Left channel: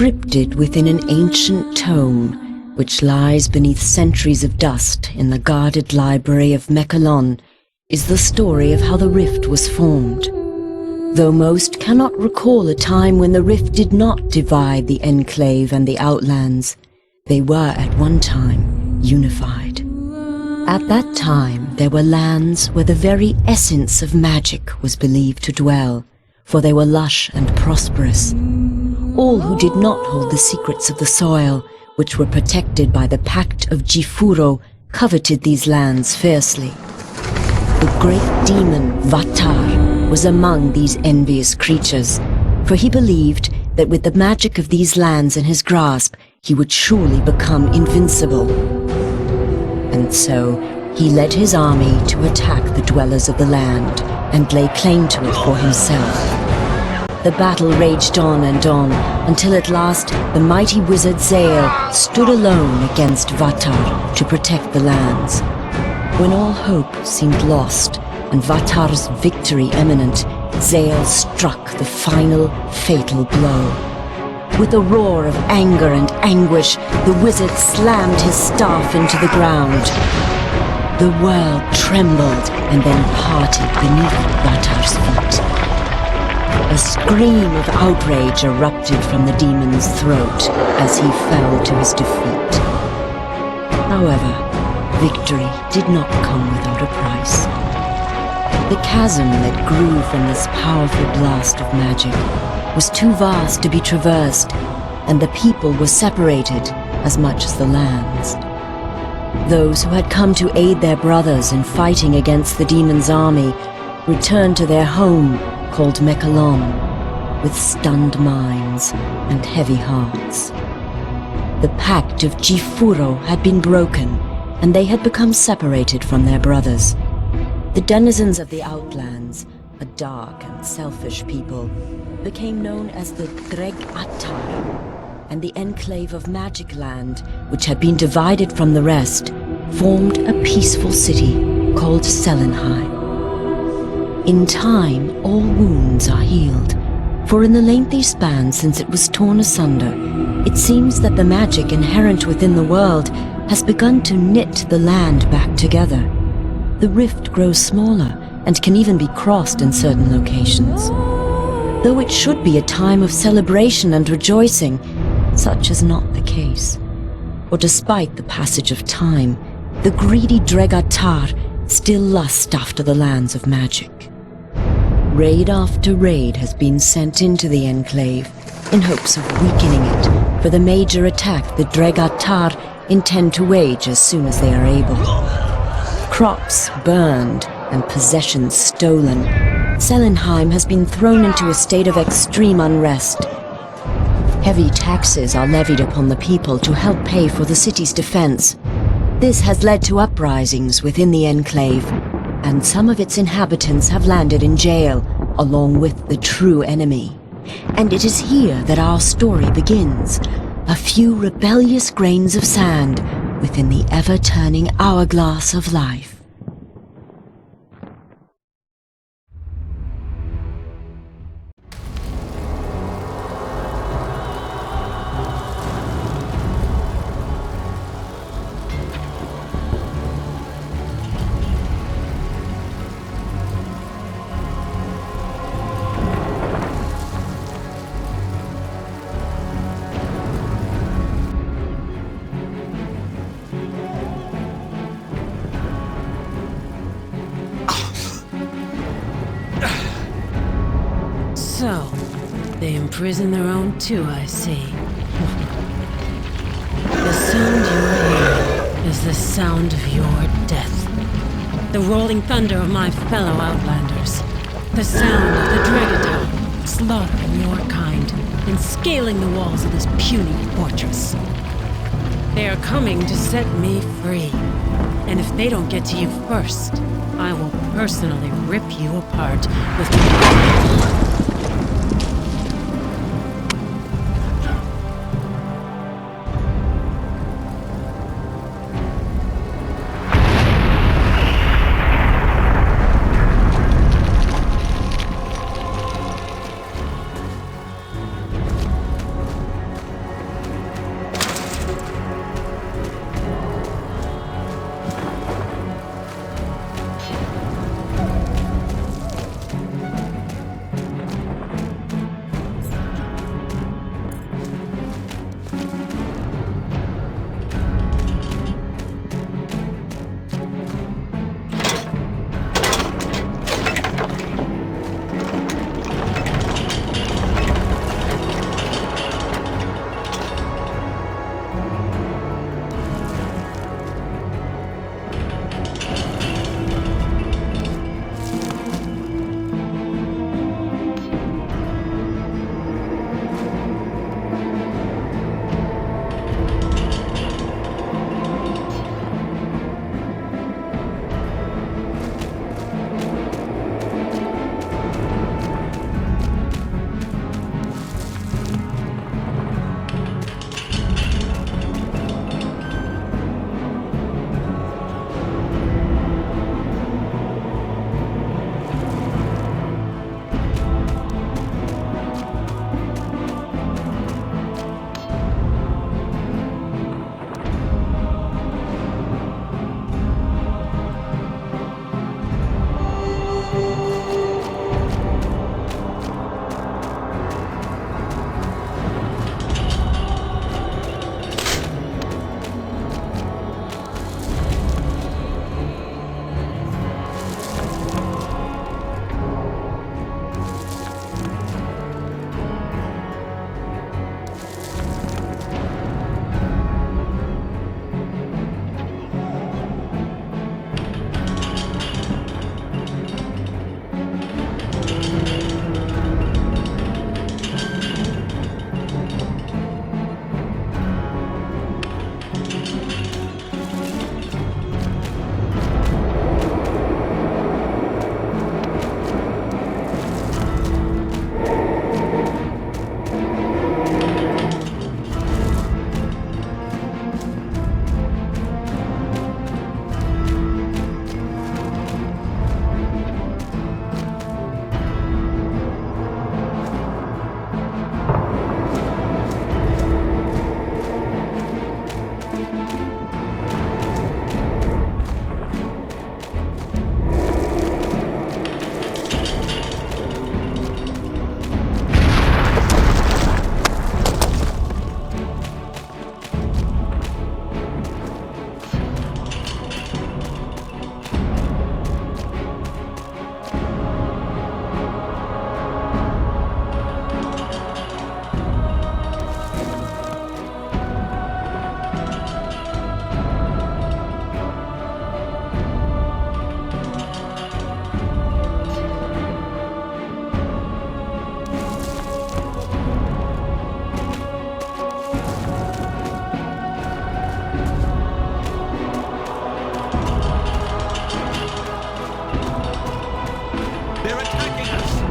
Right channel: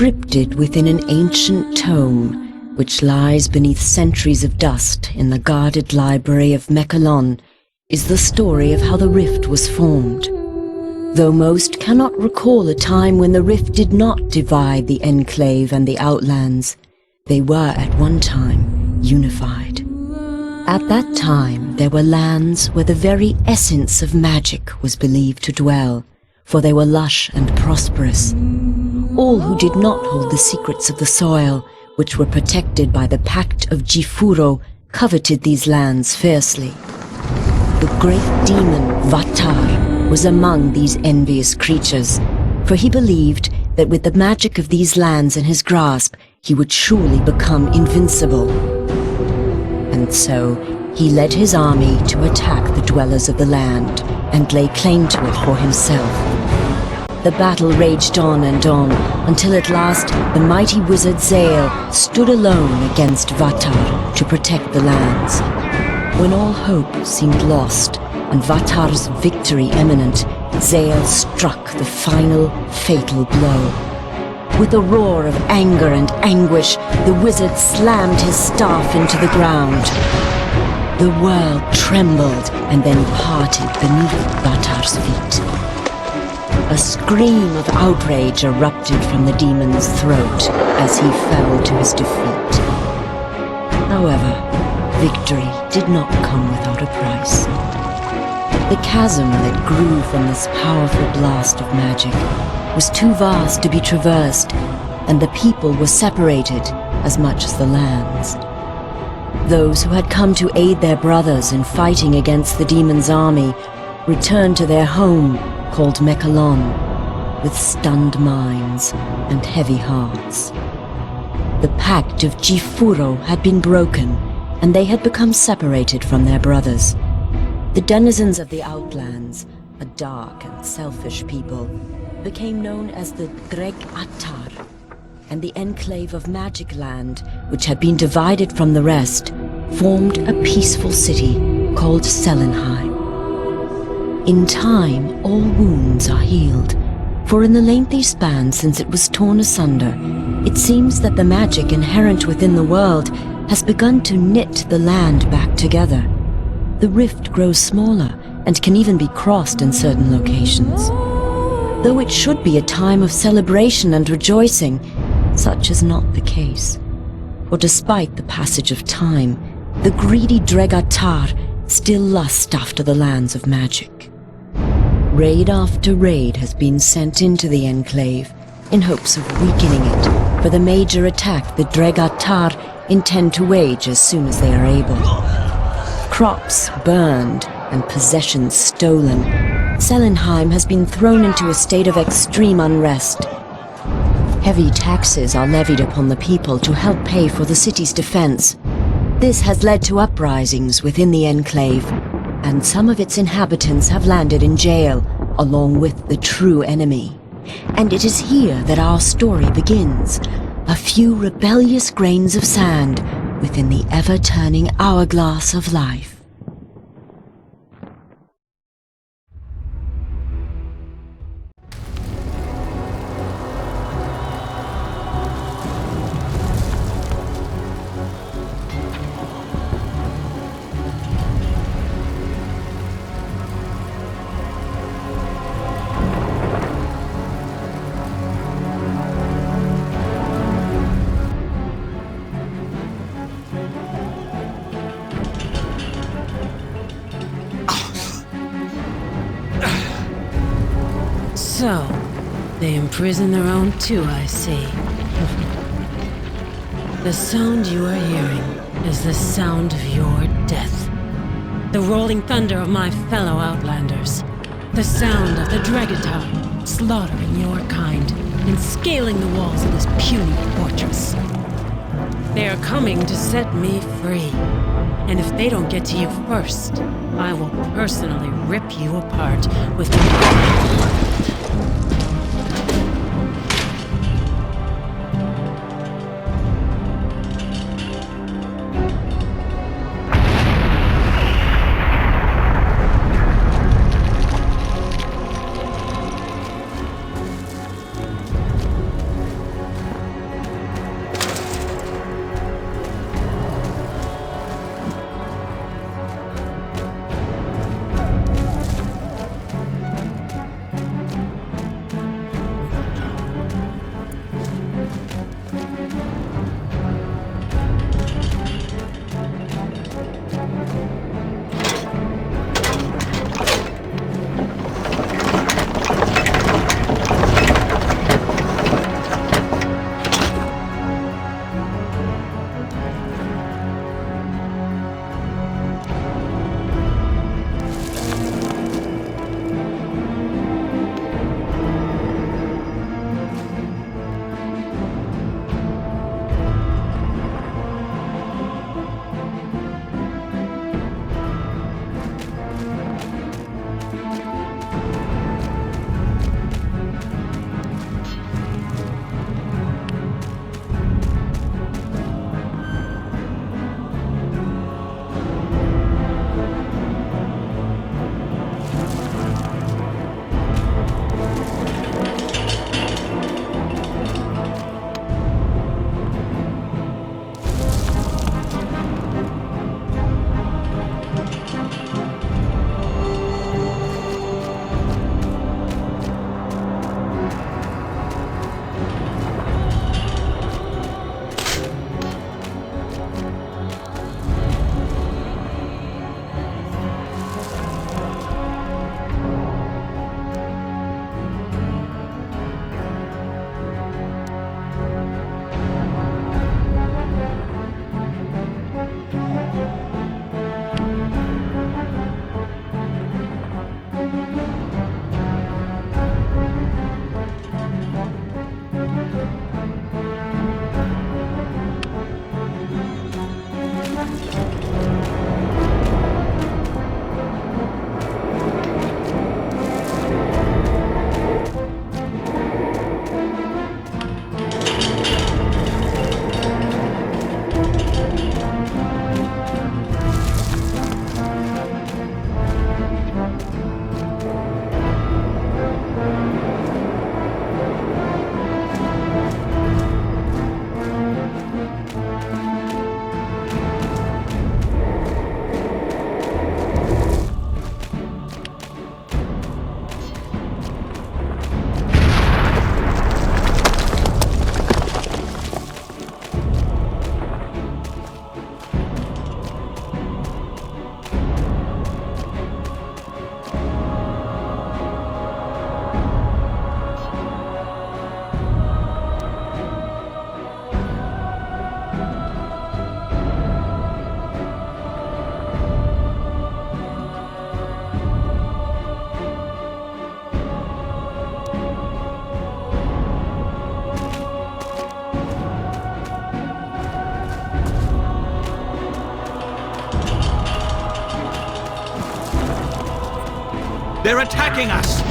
Scripted within an ancient tome, which lies beneath centuries of dust in the guarded library of Mechalon, is the story of how the rift was formed. Though most cannot recall a time when the rift did not divide the Enclave and the Outlands, they were at one time unified. At that time, there were lands where the very essence of magic was believed to dwell, for they were lush and prosperous. All who did not hold the secrets of the soil, which were protected by the Pact of Jifuro, coveted these lands fiercely. The great demon Vatar was among these envious creatures, for he believed that with the magic of these lands in his grasp, he would surely become invincible. And so, he led his army to attack the dwellers of the land and lay claim to it for himself. The battle raged on and on, until at last the mighty wizard Zael stood alone against Vatar to protect the lands. When all hope seemed lost and Vatar's victory imminent, Zael struck the final fatal blow. With a roar of anger and anguish, the wizard slammed his staff into the ground. The world trembled and then parted beneath Vatar's feet. A scream of outrage erupted from the demon's throat as he fell to his defeat. However, victory did not come without a price. The chasm that grew from this powerful blast of magic was too vast to be traversed, and the people were separated as much as the lands. Those who had come to aid their brothers in fighting against the demon's army returned to their home called Mechalon, with stunned minds and heavy hearts. The Pact of Jifuro had been broken, and they had become separated from their brothers. The denizens of the Outlands, a dark and selfish people, became known as the Dreg Attar, and the Enclave of Magic Land, which had been divided from the rest, formed a peaceful city called Selenheim. In time, all wounds are healed, for in the lengthy span since it was torn asunder, it seems that the magic inherent within the world has begun to knit the land back together. The rift grows smaller and can even be crossed in certain locations. Though it should be a time of celebration and rejoicing, such is not the case. For despite the passage of time, the greedy Dregatar still lust after the lands of magic. Raid after raid has been sent into the Enclave in hopes of weakening it for the major attack the Dregatar intend to wage as soon as they are able. Crops burned and possessions stolen, Selenheim has been thrown into a state of extreme unrest. Heavy taxes are levied upon the people to help pay for the city's defense. This has led to uprisings within the Enclave, and some of its inhabitants have landed in jail, along with the true enemy. And it is here that our story begins. A few rebellious grains of sand within the ever-turning hourglass of life. So, they imprison their own too, I see. The sound you are hearing is the sound of your death. The rolling thunder of my fellow Outlanders. The sound of the Dregatar slaughtering your kind and scaling the walls of this puny fortress. They are coming to set me free. And if they don't get to you first, I will personally rip you apart with my... They're attacking us!